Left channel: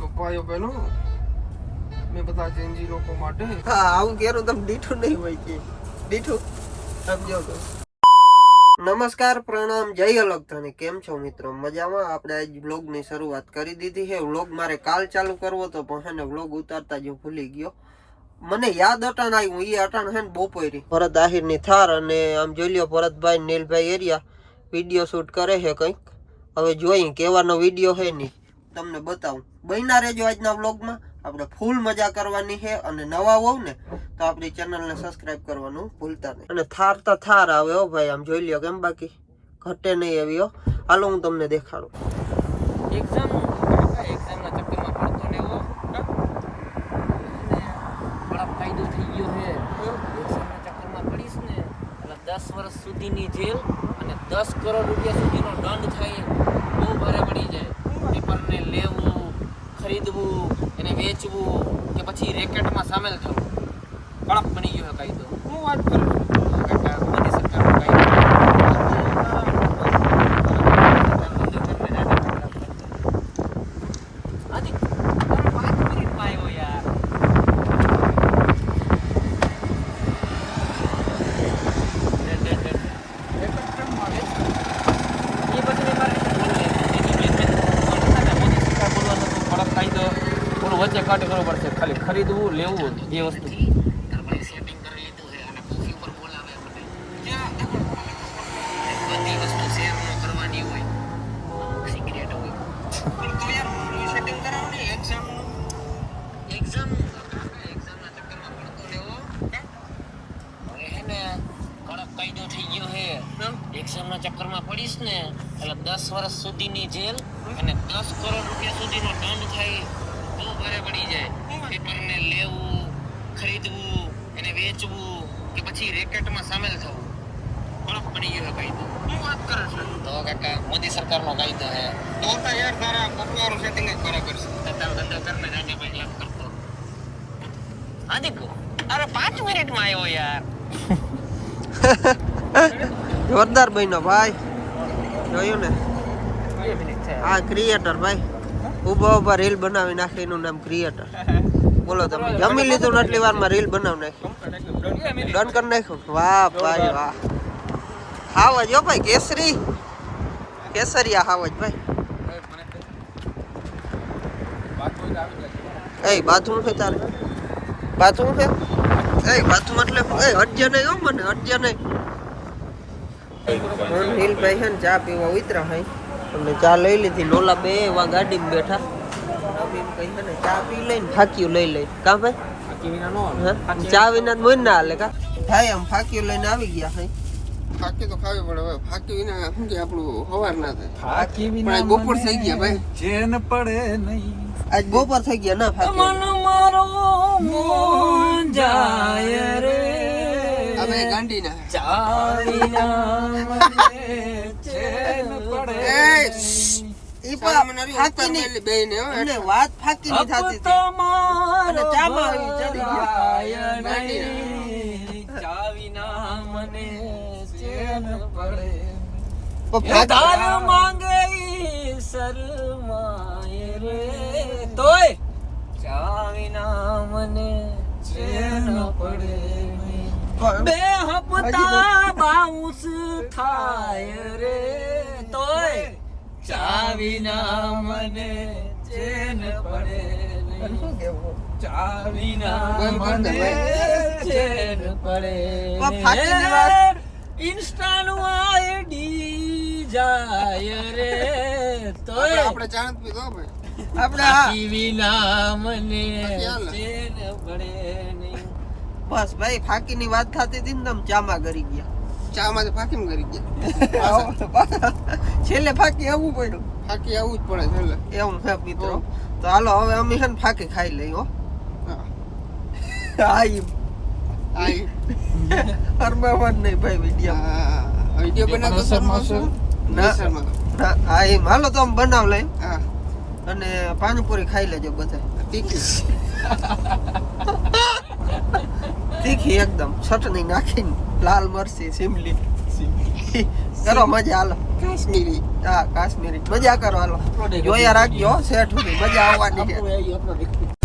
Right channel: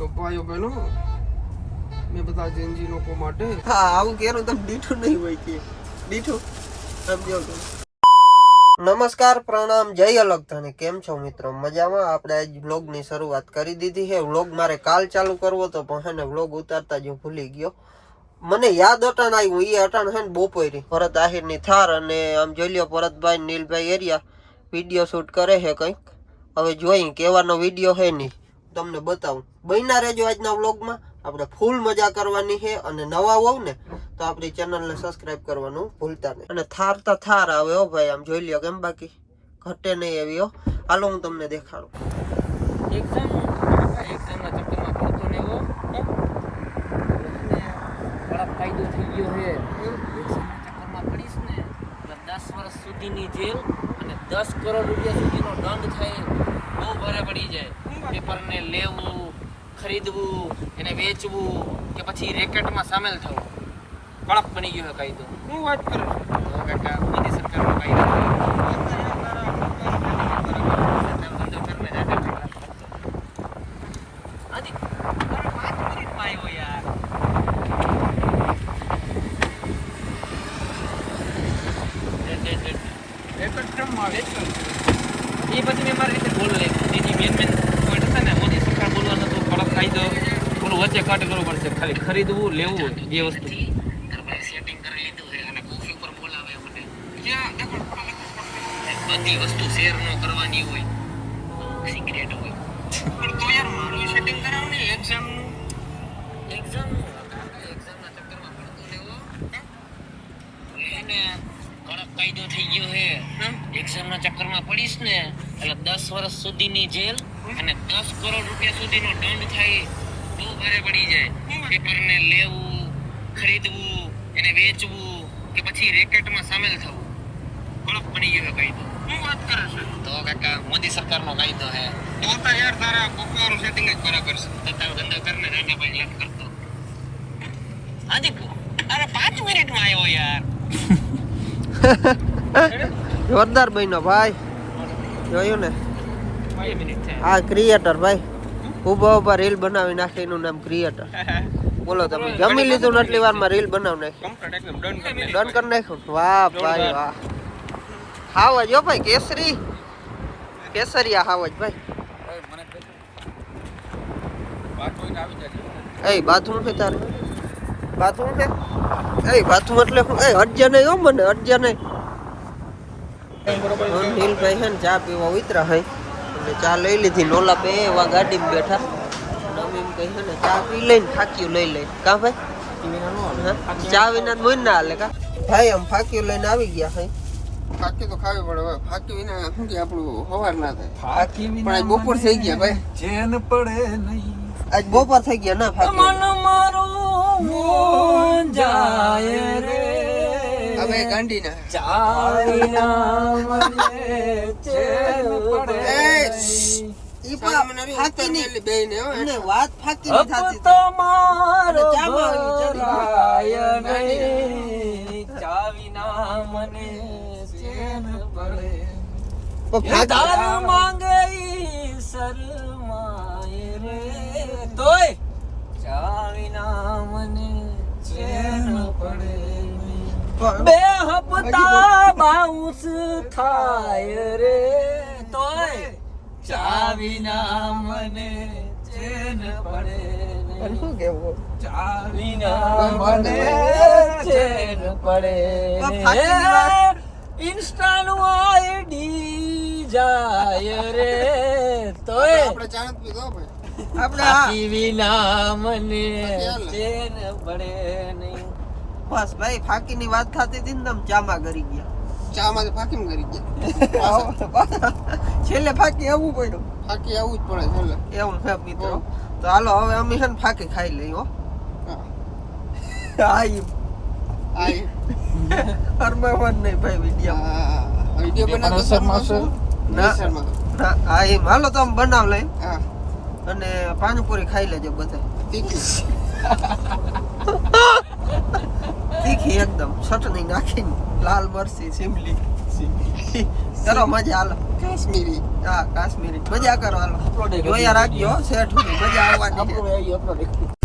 તો ભાઈઓ બહેનો મેં બધા જેનજી લોકો માટે હા આવું કેરું તમે દીઠું નહીં હોય કે દીઠું સમજાવ તો નમસ્કાર પ્રણામ જય અલગતાની કેમ છો મિત્રો મજામાં આપણે આજ વ્લોગ ની શરૂઆત કરી દીધી છે વ્લોગ મારે કાલ ચાલુ કરવો તો પણ હે ને વ્લોગ ઉતારતા જ હું ભૂલી ગયો મને યાદ અટાણ આવ્યું એ અટાણ હે ને બપોરી ભરત આહિર ની થાર અને આમ જોઈ લ્યો ભરતભાઈ નીલભાઈ એરિયા વિડીયો શૂટ કરે છે કંઈક હવે જોઈ કેવાનો વિડીયો હે નહીં તમને બતાવું બન્યા રહેજો આજના વ્લોગમાં આપણે ફૂલ મજા કરવાની છે અને નવા હોવ ને તો આપણી ચેનલને સબસ્ક્રાઇબ કરવાનું ભૂલતા નહીં અને થાર તો થાર આવે હો ભાઈ આમ જોઈ લ્યો કેમ બાકી ઘટે નહીં એવી હો હાલો હું તમને દેખાડું એક્ઝામ ના ચક્કરમાં પડતો ને એવો બड़ा ફાયદો થઈ ગયો છે એક્ઝામના ચક્કરમાં પડીશ ને એટલે 10 વર્ષ સુધીની જેલ અને 10 કરોડ રૂપિયા સુધીનો દંડ થાય બહુ ભારે પડી જાય પેપરને લેવું ખરીદવું એને વેચવું કે પછી રેકેટમાં સામેલ થવું કડક બની ગયો છે કાયદો હું વાત કરું કાકા મોદી સરકારનો કાયદો આજી 5 મિનિટમાં આવ્યો યાર એ પછી મેં મારી રીતે બોલ નાખ્યું એની મેન પોઈન્ટ હતા ને મોદી સરકાર બોલવાનું હતું કડક કાયદો થોડું વચ્ચે કટ કરવું પડશે ખાલી ખરીદવું લેવું બે વસ્તુ સેટિંગ કરી લીધું છે અને કોફી ઉપર બોલાવે મને બધી વસ્તુ શેર ન કરવાની હોય અમુક સિક્રેટ હોય પણ તો યાર મારું સેટિંગ કરાવ ને એક્ઝામના ચક્કરમાં પડતો લેવો હવે હે ને કડક કાયદો થઈ ગયો છે એક્ઝામના ચક્કરમાં પડીશ ને એટલે 10 વર્ષ સુધીની જેલ અને 10 કરોડ રૂપિયા સુધીનો દંડ થાય બહુ ભારે પડી જાય પેપરને લેવું ખરીદવું એને વેચવું કે પછી રેકેટમાં સામેલ થવું કડક બની ગયો છે કાયદો હું વાત કરું છું તો કાકા મોદી સરકારનો કાયદો છે તો તો યાર તારા પપ્પાનું સેટિંગ જ બરાબર છે તો તારો ધંધો કરને નાના ભાઈ યાદ કરતો હાજી કો અરે 5 મિનિટમાં આવ્યો યાર જોરદાર બન્યો ભાઈ જોયું ને 2 મિનિટ છે આ ક્રિએટર ભાઈ ઉભા ઉભા રીલ બનાવી નાખે એનું નામ ક્રિએટર બોલો તમે જમી લીધું ને એટલી વારમાં રીલ બનાવી નાખી કમ્પ્લીટ એકદમ ડન ડન કરી નાખ્યું વાહ ભાઈ વાહ હાવજ હો ભાઈ કેસરિયા હાવજ ભાઈ બાથરૂમ આવી જાય એ બાથરૂમ છે તારે બાથરૂમ છે એ બાથરૂમ એટલે શું એ અડજે નહીં હો મને અડજે નહીં નીલભાઈ છે ને ચા પીવા ઉતરા હે અને ચા લઈ લીધી નોલા બે એવા ગાડીમાં બેઠા અને અમે એમ કહી છે ને ચા પી લઈને ફાકીયું લઈ લઈ કા ભાઈ ચા વિના મોઈ ના હાલે કા ભાઈ આમ ફાકીયું લઈને આવી ગયા હે ફાકી તો ખાવી પડે હવે ફાકી વિના શું કે આપણું હવાર ના થાય ફાકી પણ બપોર થઈ ગયા ભાઈ ચેન પડે નહીં આજ બપોર થઈ ગયા ના ફાકી મન મારો મોન જાય રે અમે ગાંડી ના ચાવીના મને ચેન પડે ઈ પણ ફાકી ની બેને હો એટલે વાત ફાકી ની થાતી હતી તમારો ચામાં આવી ચડી ગયા ચાવીના મને ચેન પડે પણ દાન માંગે ઈ શરમાય રે તોય ચાવીના મને ચેન પડે બે હપ્તા બાઉન્સ થાય રે તોય ચાવીના મને ચેન પડે શું કેવું ચાવીના મને ચેન પડે ફાકીની વાત ઇન્સ્ટાનું આઈડી જાય રે તોય આપણે ચાણત પી દો ભાઈ આપણે આ ફાકી વિના મને ચેન પડે નહીં બસ ભાઈ ફાકી ની વાત થતી હતી ને તમે ચામાં કરી ગયા ચા માંથી ફાકી કરી ગયા છેલ્લે ફાકી આવવું પડ્યું ફાકી આવું જ પડે છેલ્લે એવું છે મિત્રો તો હાલો હવે અમે છે ને ફાકી ખાઈ લઈ હો હા આઈ આઈ અરબાવન નહીં ભાઈ વિડીયો વિડિયો બનાવતો શર્માશો ના ના આ એમ હાલો તો આમ બનાવ લઈ હા અને પાણીપુરી ખાઈ લેજો બધા તીખી તીખી એકદમ ચટણી નાખીને લાલ મરચી સિમલી કરો મજા હાલો કાશ્મીરી હા કાશ્મીરી મજા કરો હાલો જોયા રાખજો શેઠ સુધી મજા આવવાની છે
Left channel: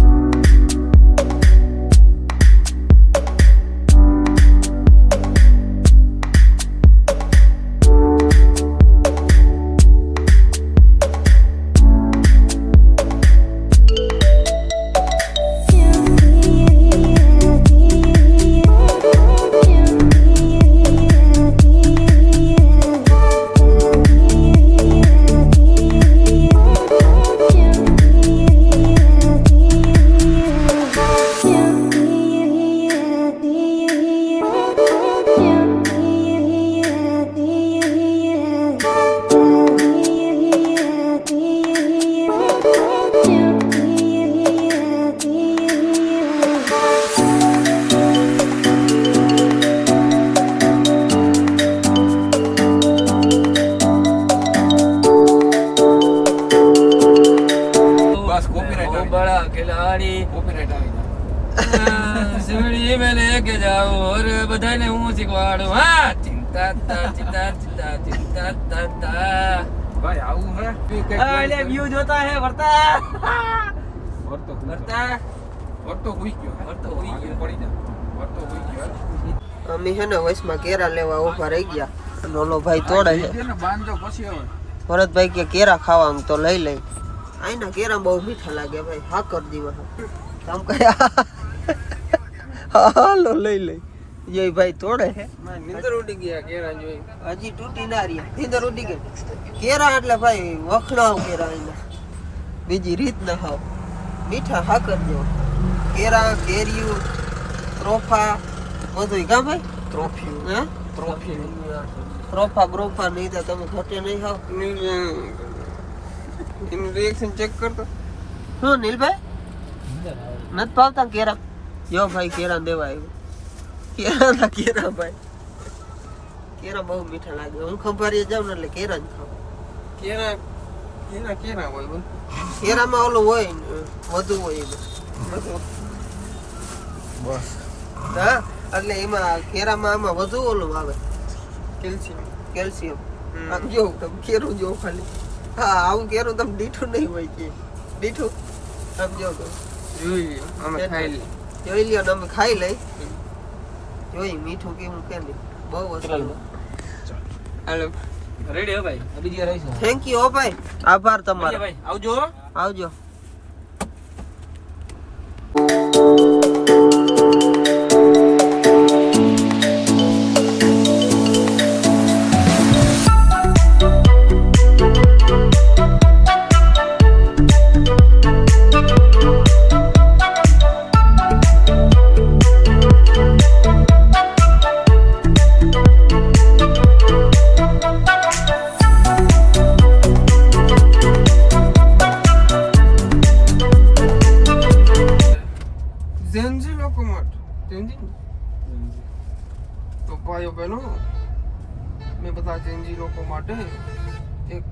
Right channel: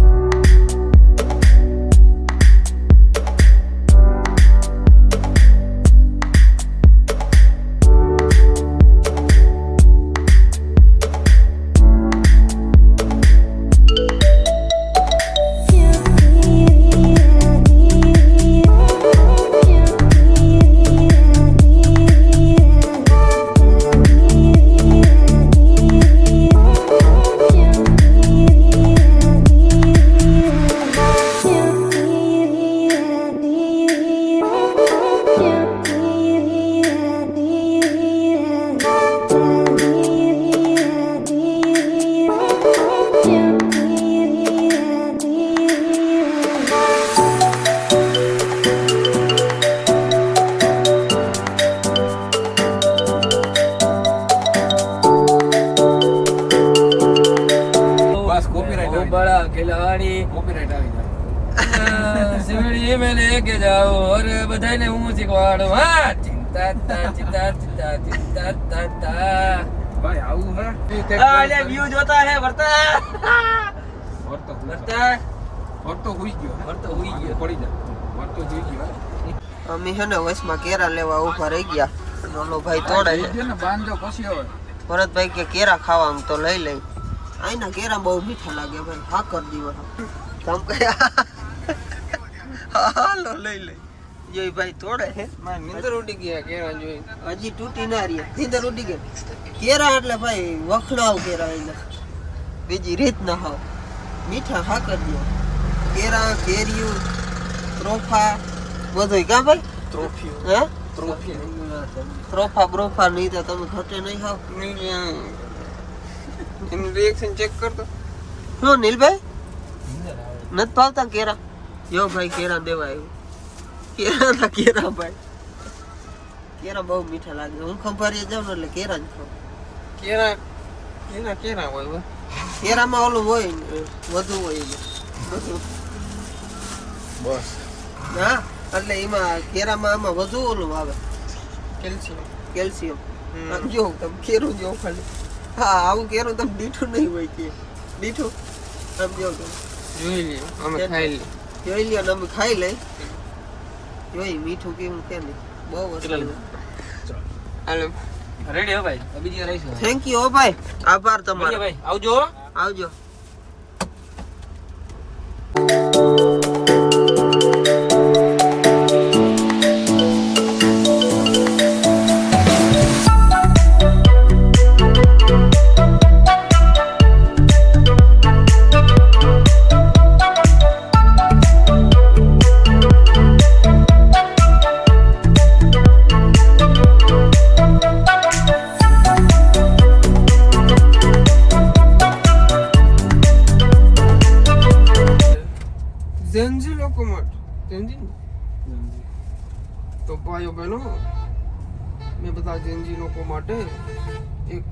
बड़ा खिलाड़ी सिमड़ी में लेके जाओ और बधाई હું શીખવાડું હા ચિંતા તા ચિંતા ચિંતા ચિંતા તા તા ભાઈ આવું હે અલે વ્યૂ જોતા હે વર્તા વર્તા વર્તો હુઈ ગયો પડી જા વર્તો હુઈ ગયો અમે છે ને વયસમાં કેરા લેવા ઉભા રહી ગયા અને ઓલો ભાઈ તોડે છે બાંધજો પછી હવે ભરતભાઈ કે કેરા ખાવા આમ તો લઈ લઈ આઈના કેરા બહુ મીઠા લાગે ભાઈ હા કર દીવા તમ કયા હાલો લઈ લઈ જોઈ ભાઈ તોડે છે નીંદર ઉડી ગયા કેરા જોઈ હજી તૂટી ના રહી નીંદર ઉડી ગઈ કેરા એટલે ભાઈ વખણાવ કેરા એના બીજી રીત ના હાવ મીઠા હા કરજો કેરા કેરીયું ત્રોફા બધું કા ભાઈ હા ત્રોફા બ્રોફા નહીં તો તમે ઘટે નહીં ખાવ એનું રિએક્શન ચેક કરતો શું નીલભાઈ નથી ભાવતા કેરા જો ભાઈ કેરા દેવા આવ્યું કેરા ભાઈ કેરા બહુ મીઠા લાગે હું ખંભારી જાઉં ને એટલે કેરા જ ખાવ કેરા કેરા કેરા હોય કેરામાં ઓલું હોય ને વધુ હોય એને બધું બસ હા એટલે એમાં કેરામાં આમાં વધુ ઓલું આવે કેલ્શિયમ કેલ્શિયમ આમ જો તમે કેરું જો ખાલી હા આવું કેરું તમે દીઠું નહીં હોય કે દીઠું આમ જો તો જોઈ લે અમે ખાઈ લે જોઈ લ્યો ને અમે ખાઈ લઈ જોઈ મીઠું કેવું કે નહીં બહુ અસર હાલો રેડી હો ભાઈ બીજી રહીશું થેન્ક યુ હો ભાઈ આભાર તમારો ભાઈ આવજો આવજો ઝેન્જી લોકો માટે ઝેન્જી તો ભાઈઓ બહેનો મેં બધા ઝેન્જી લોકો માટે એક